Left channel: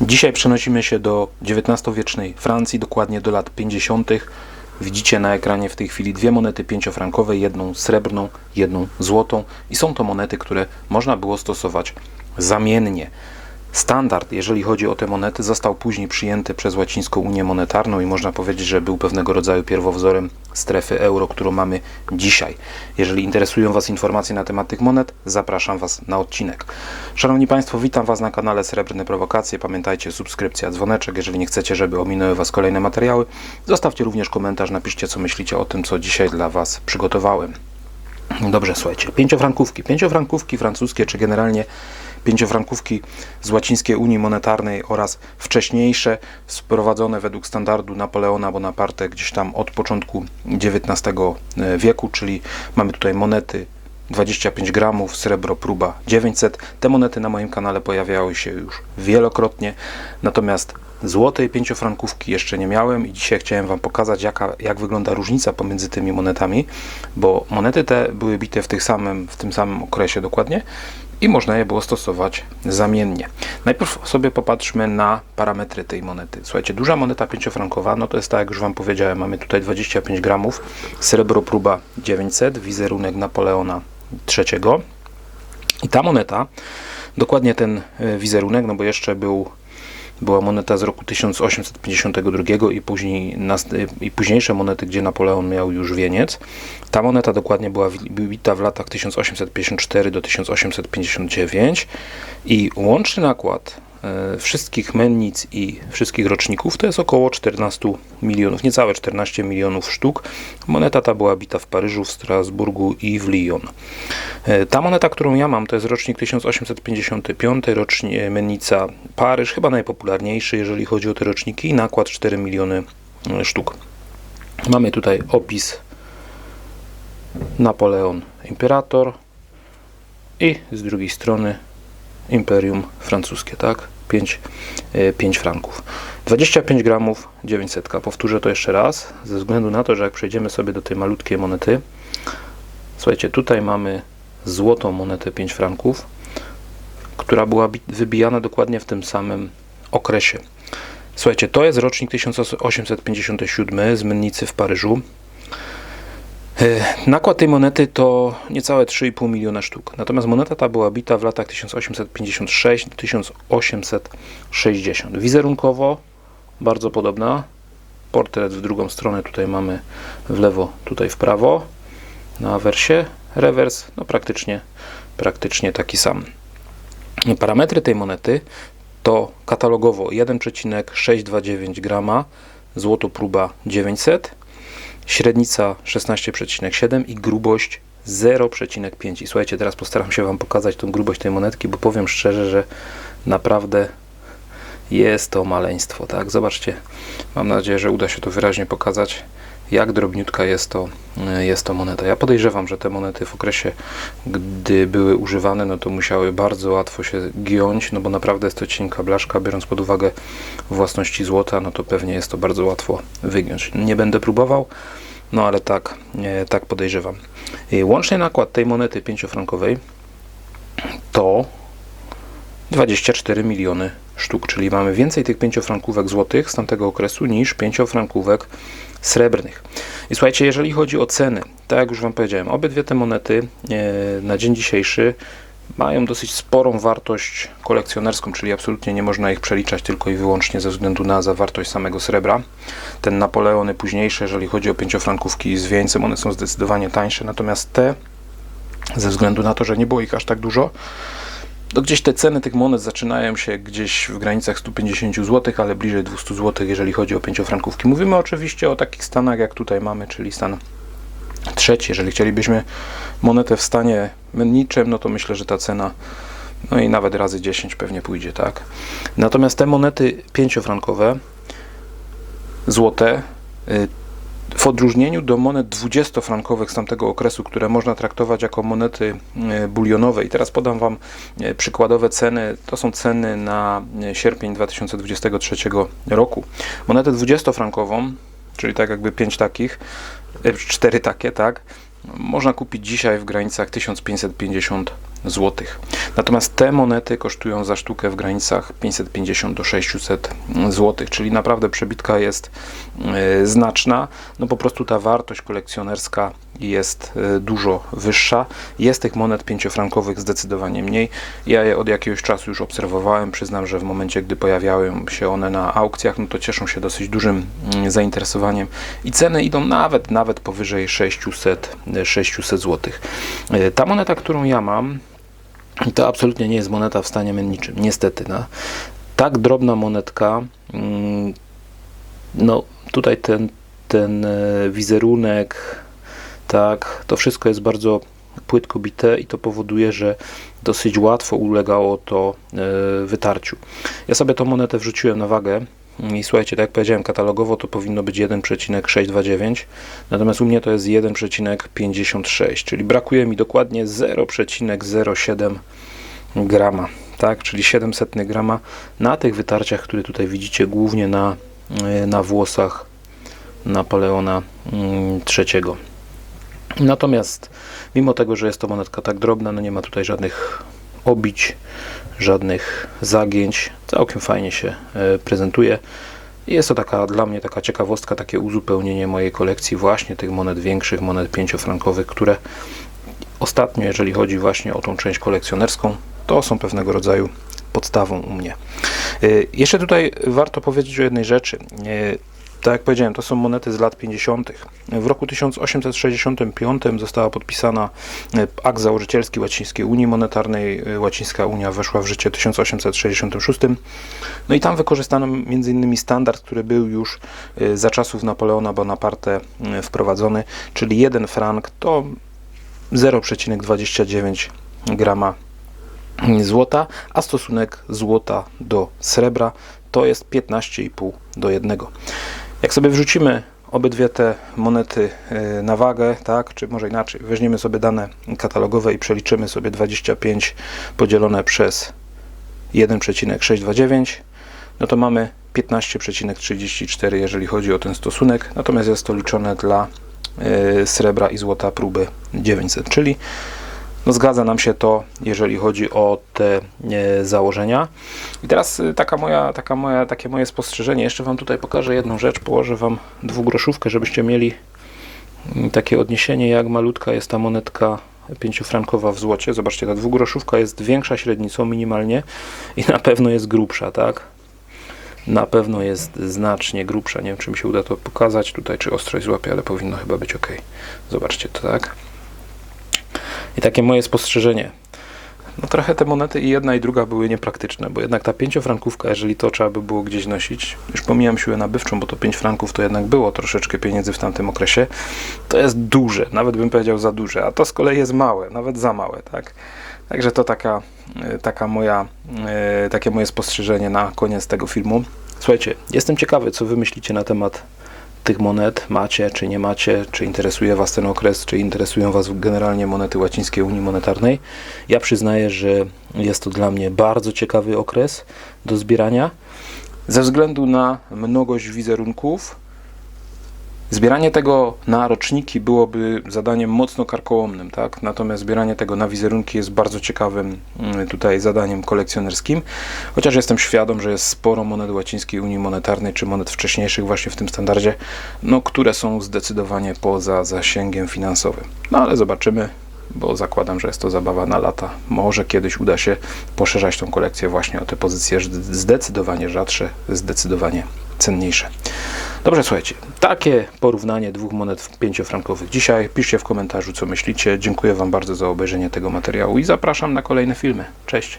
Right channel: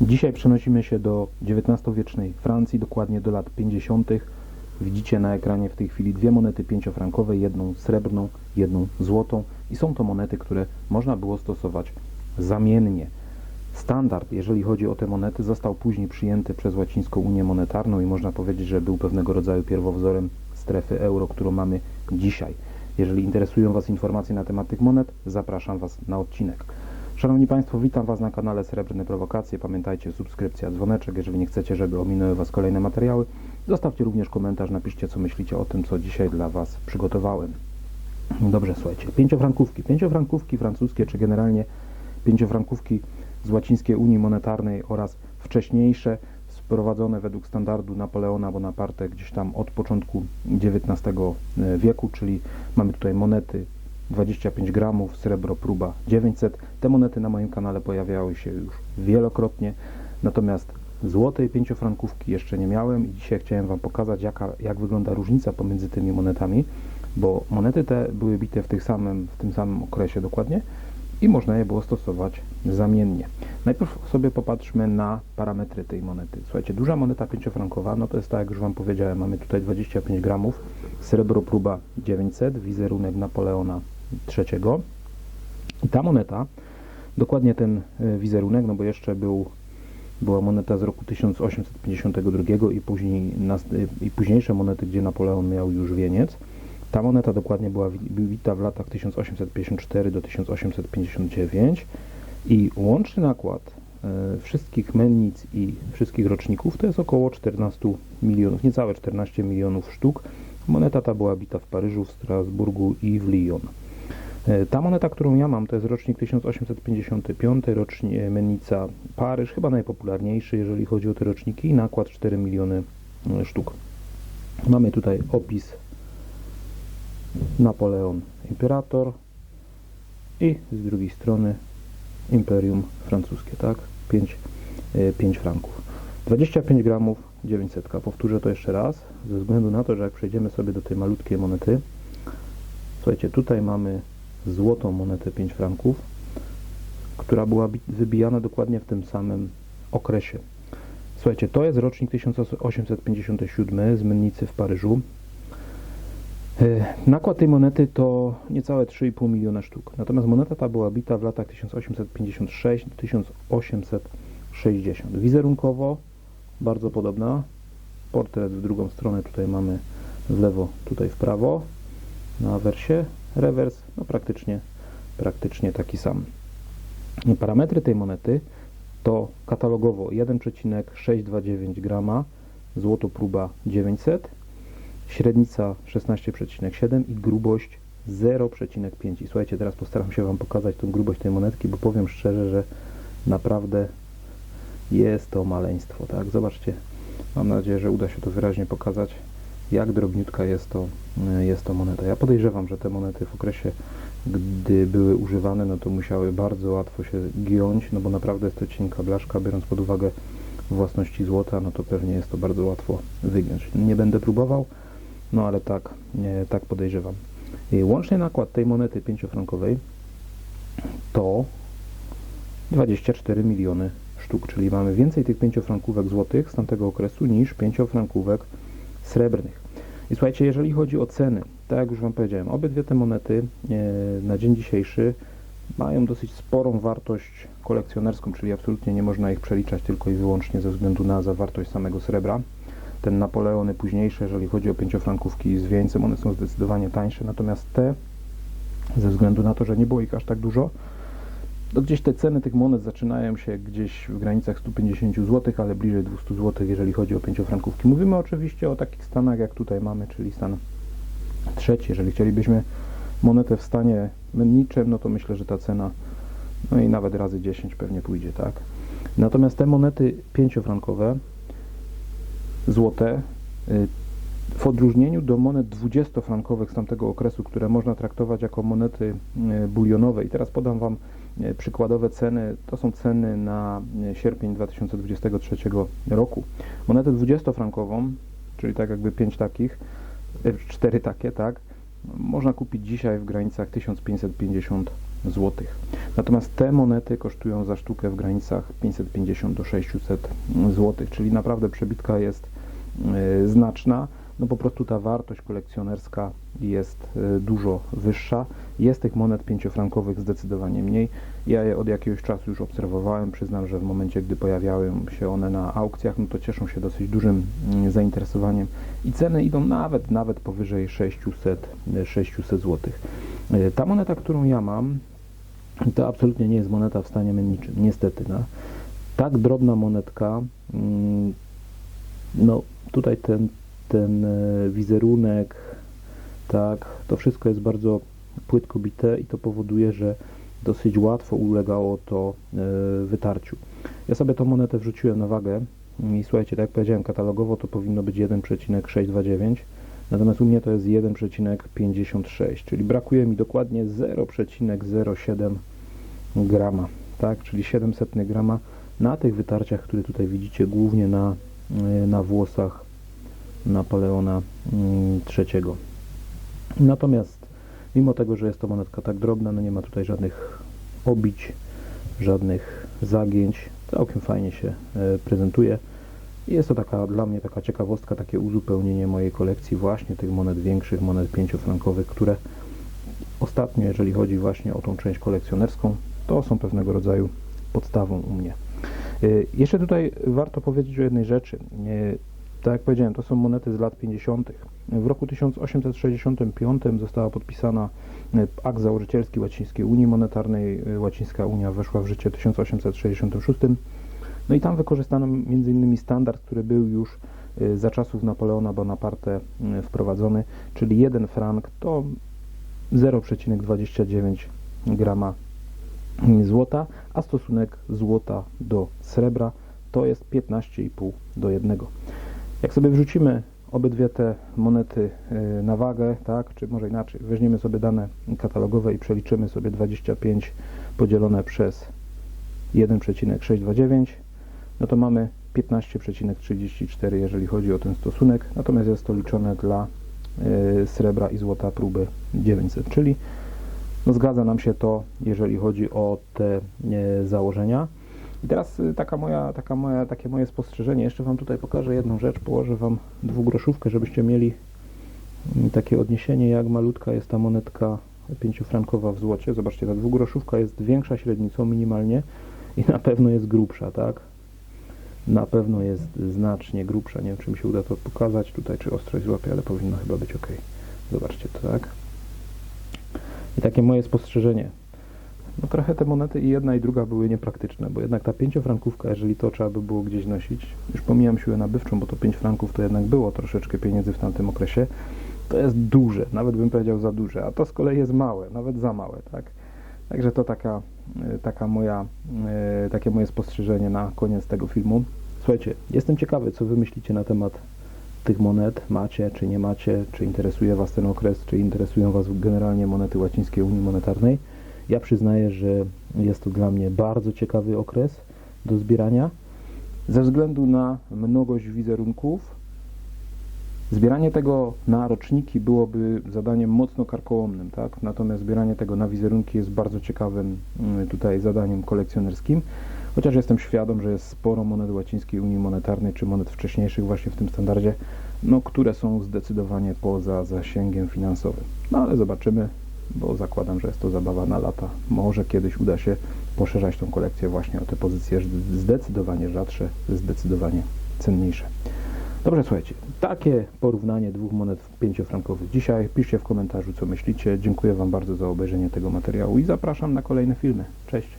Dzisiaj przenosimy się do XIX-wiecznej Francji, dokładnie do lat 50. Widzicie na ekranie w tej chwili dwie monety pięciofrankowe, jedną srebrną, jedną złotą i są to monety, które można było stosować zamiennie. Standard, jeżeli chodzi o te monety, został później przyjęty przez Łacińską Unię Monetarną i można powiedzieć, że był pewnego rodzaju pierwowzorem strefy euro, którą mamy dzisiaj. Jeżeli interesują Was informacje na temat tych monet, zapraszam Was na odcinek. Szanowni Państwo, witam Was na kanale Srebrne Prowokacje. Pamiętajcie, subskrypcja, dzwoneczek. Jeżeli nie chcecie, żeby ominęły Was kolejne materiały, zostawcie również komentarz, napiszcie, co myślicie o tym, co dzisiaj dla Was przygotowałem. Dobrze, słuchajcie. Pięciofrankówki. Pięciofrankówki francuskie, czy generalnie pięciofrankówki z łacińskiej Unii Monetarnej oraz wcześniejsze, sprowadzone według standardu Napoleona Bonaparte gdzieś tam od początku XIX wieku, czyli mamy tutaj monety 25 gramów, srebro próba 900. Te monety na moim kanale pojawiały się już wielokrotnie, natomiast złotej pięciofrankówki jeszcze nie miałem i dzisiaj chciałem Wam pokazać jaka, jak wygląda różnica pomiędzy tymi monetami, bo monety te były bite w, tych samym, w tym samym okresie dokładnie i można je było stosować zamiennie. Najpierw sobie popatrzmy na parametry tej monety. Słuchajcie, duża moneta pięciofrankowa, no to jest tak jak już Wam powiedziałem, mamy tutaj 25 gramów, srebro próba 900, wizerunek Napoleona III. I ta moneta, dokładnie ten e, wizerunek, no bo jeszcze był była moneta z roku 1852 i, później, i późniejsze monety, gdzie Napoleon miał już wieniec. Ta moneta dokładnie była bita w latach 1854 do 1859 i łączny nakład wszystkich mennic i wszystkich roczników to jest około 14 milionów, niecałe 14 milionów sztuk. Moneta ta była bita w Paryżu, w Strasburgu i w Lyon. E, ta moneta, którą ja mam, to jest rocznik 1855, rocznik mennica Paryż, chyba najpopularniejszy, jeżeli chodzi o te roczniki, i nakład 4 miliony e, sztuk. Mamy tutaj opis Napoleon Imperator i z drugiej strony Imperium francuskie, tak? 5, 5 e, franków. 25 gramów 900. Powtórzę to jeszcze raz, ze względu na to, że jak przejdziemy sobie do tej malutkiej monety, słuchajcie, tutaj mamy złotą monetę 5 franków, która była wybijana dokładnie w tym samym okresie. Słuchajcie, to jest rocznik 1857 z Mennicy w Paryżu. E, nakład tej monety to niecałe 3,5 miliona sztuk. Natomiast moneta ta była bita w latach 1856 do 1860. Wizerunkowo bardzo podobna. Portret w drugą stronę tutaj mamy w lewo, tutaj w prawo na awersie. Rewers no praktycznie, praktycznie taki sam. Parametry tej monety to katalogowo 1,629 grama, złoto próba 900 średnica 16,7 i grubość 0,5. I słuchajcie, teraz postaram się Wam pokazać tą grubość tej monetki, bo powiem szczerze, że naprawdę jest to maleństwo, tak? Zobaczcie, mam nadzieję, że uda się to wyraźnie pokazać, jak drobniutka jest to, jest to moneta. Ja podejrzewam, że te monety w okresie, gdy były używane, no to musiały bardzo łatwo się giąć, no bo naprawdę jest to cienka blaszka, biorąc pod uwagę własności złota, no to pewnie jest to bardzo łatwo wygiąć. Nie będę próbował, no ale tak, tak podejrzewam. Łączny nakład tej monety pięciofrankowej to 24 miliony sztuk, czyli mamy więcej tych pięciofrankówek złotych z tamtego okresu niż pięciofrankówek srebrnych. I słuchajcie, jeżeli chodzi o ceny, tak jak już Wam powiedziałem, obydwie te monety e, na dzień dzisiejszy mają dosyć sporą wartość kolekcjonerską, czyli absolutnie nie można ich przeliczać tylko i wyłącznie ze względu na zawartość samego srebra. Ten Napoleony późniejsze, jeżeli chodzi o pięciofrankówki z wieńcem, one są zdecydowanie tańsze, natomiast te, ze względu na to, że nie było ich aż tak dużo, to gdzieś te ceny tych monet zaczynają się gdzieś w granicach 150 zł, ale bliżej 200 zł, jeżeli chodzi o pięciofrankówki. Mówimy oczywiście o takich stanach, jak tutaj mamy, czyli stan trzeci. Jeżeli chcielibyśmy monetę w stanie menniczym, no to myślę, że ta cena no i nawet razy 10 pewnie pójdzie, tak? Natomiast te monety pięciofrankowe, złote, y, w odróżnieniu do monet 20-frankowych z tamtego okresu, które można traktować jako monety e, bulionowe i teraz podam Wam e, przykładowe ceny, to są ceny na e, sierpień 2023 roku. Monetę 20-frankową, czyli tak jakby 5 takich, 4 takie, tak, można kupić dzisiaj w granicach 1550 złotych. Natomiast te monety kosztują za sztukę w granicach 550 do 600 złotych, czyli naprawdę przebitka jest e, znaczna. No po prostu ta wartość kolekcjonerska jest e, dużo wyższa. Jest tych monet pięciofrankowych zdecydowanie mniej. Ja je od jakiegoś czasu już obserwowałem. Przyznam, że w momencie, gdy pojawiają się one na aukcjach, no to cieszą się dosyć dużym mm, zainteresowaniem i ceny idą nawet, nawet powyżej 600, e, 600 zł. Ta moneta, którą ja mam, to absolutnie nie jest moneta w stanie menniczym, niestety. No. Tak drobna monetka, mm, no tutaj ten, ten e, wizerunek, tak, to wszystko jest bardzo płytko bite i to powoduje, że dosyć łatwo ulegało to e, wytarciu. Ja sobie tą monetę wrzuciłem na wagę i słuchajcie, tak jak powiedziałem, katalogowo to powinno być 1,629, natomiast u mnie to jest 1,56, czyli brakuje mi dokładnie 0,07 grama, tak, czyli 700 grama na tych wytarciach, które tutaj widzicie, głównie na, e, na włosach Napoleona III. Natomiast mimo tego, że jest to monetka tak drobna, no nie ma tutaj żadnych obić, żadnych zagięć, całkiem fajnie się e, prezentuje. Jest to taka dla mnie taka ciekawostka, takie uzupełnienie mojej kolekcji właśnie tych monet większych, monet pięciofrankowych, które ostatnio, jeżeli chodzi właśnie o tą część kolekcjonerską, to są pewnego rodzaju podstawą u mnie. E, jeszcze tutaj warto powiedzieć o jednej rzeczy. Tak jak powiedziałem, to są monety z lat 50. W roku 1865 została podpisana e, akt założycielski Łacińskiej Unii Monetarnej. E, Łacińska Unia weszła w życie w 1866. No i tam wykorzystano m.in. standard, który był już e, za czasów Napoleona Bonaparte wprowadzony, czyli 1 frank to 0,29 grama złota, a stosunek złota do srebra to jest 15,5 do 1. Jak sobie wrzucimy obydwie te monety y, na wagę, tak, czy może inaczej, weźmiemy sobie dane katalogowe i przeliczymy sobie 25 podzielone przez 1,629, no to mamy 15,34 jeżeli chodzi o ten stosunek, natomiast jest to liczone dla y, srebra i złota próby 900, czyli no zgadza nam się to, jeżeli chodzi o te e, założenia. I teraz y, taka moja, taka moja, takie moje spostrzeżenie. Jeszcze Wam tutaj pokażę jedną rzecz. Położę Wam dwugroszówkę, żebyście mieli mm, takie odniesienie, jak malutka jest ta monetka pięciofrankowa w złocie. Zobaczcie, ta dwugroszówka jest większa średnicą minimalnie i na pewno jest grubsza, tak? Na pewno jest znacznie grubsza. Nie wiem, czy mi się uda to pokazać tutaj, czy ostrość złapie, ale powinno chyba być ok. Zobaczcie to, tak? I takie moje spostrzeżenie. No trochę te monety i jedna i druga były niepraktyczne, bo jednak ta pięciofrankówka, jeżeli to trzeba by było gdzieś nosić, już pomijam siłę nabywczą, bo to 5 franków to jednak było troszeczkę pieniędzy w tamtym okresie, to jest duże, nawet bym powiedział za duże, a to z kolei jest małe, nawet za małe, tak? Także to taka, e, taka moja, e, takie moje spostrzeżenie na koniec tego filmu. Słuchajcie, jestem ciekawy, co wy myślicie na temat tych monet macie, czy nie macie, czy interesuje Was ten okres, czy interesują Was generalnie monety łacińskiej Unii Monetarnej. Ja przyznaję, że jest to dla mnie bardzo ciekawy okres do zbierania ze względu na mnogość wizerunków, Zbieranie tego na roczniki byłoby zadaniem mocno karkołomnym, tak? natomiast zbieranie tego na wizerunki jest bardzo ciekawym mm, tutaj zadaniem kolekcjonerskim, chociaż jestem świadom, że jest sporo monet łacińskiej Unii Monetarnej, czy monet wcześniejszych właśnie w tym standardzie, no, które są zdecydowanie poza zasięgiem finansowym. No ale zobaczymy, bo zakładam, że jest to zabawa na lata. Może kiedyś uda się poszerzać tą kolekcję właśnie o te pozycje zdecydowanie rzadsze, zdecydowanie cenniejsze. Dobrze, słuchajcie, takie porównanie dwóch monet pięciofrankowych dzisiaj. Piszcie w komentarzu, co myślicie. Dziękuję Wam bardzo za obejrzenie tego materiału i zapraszam na kolejne filmy. Cześć!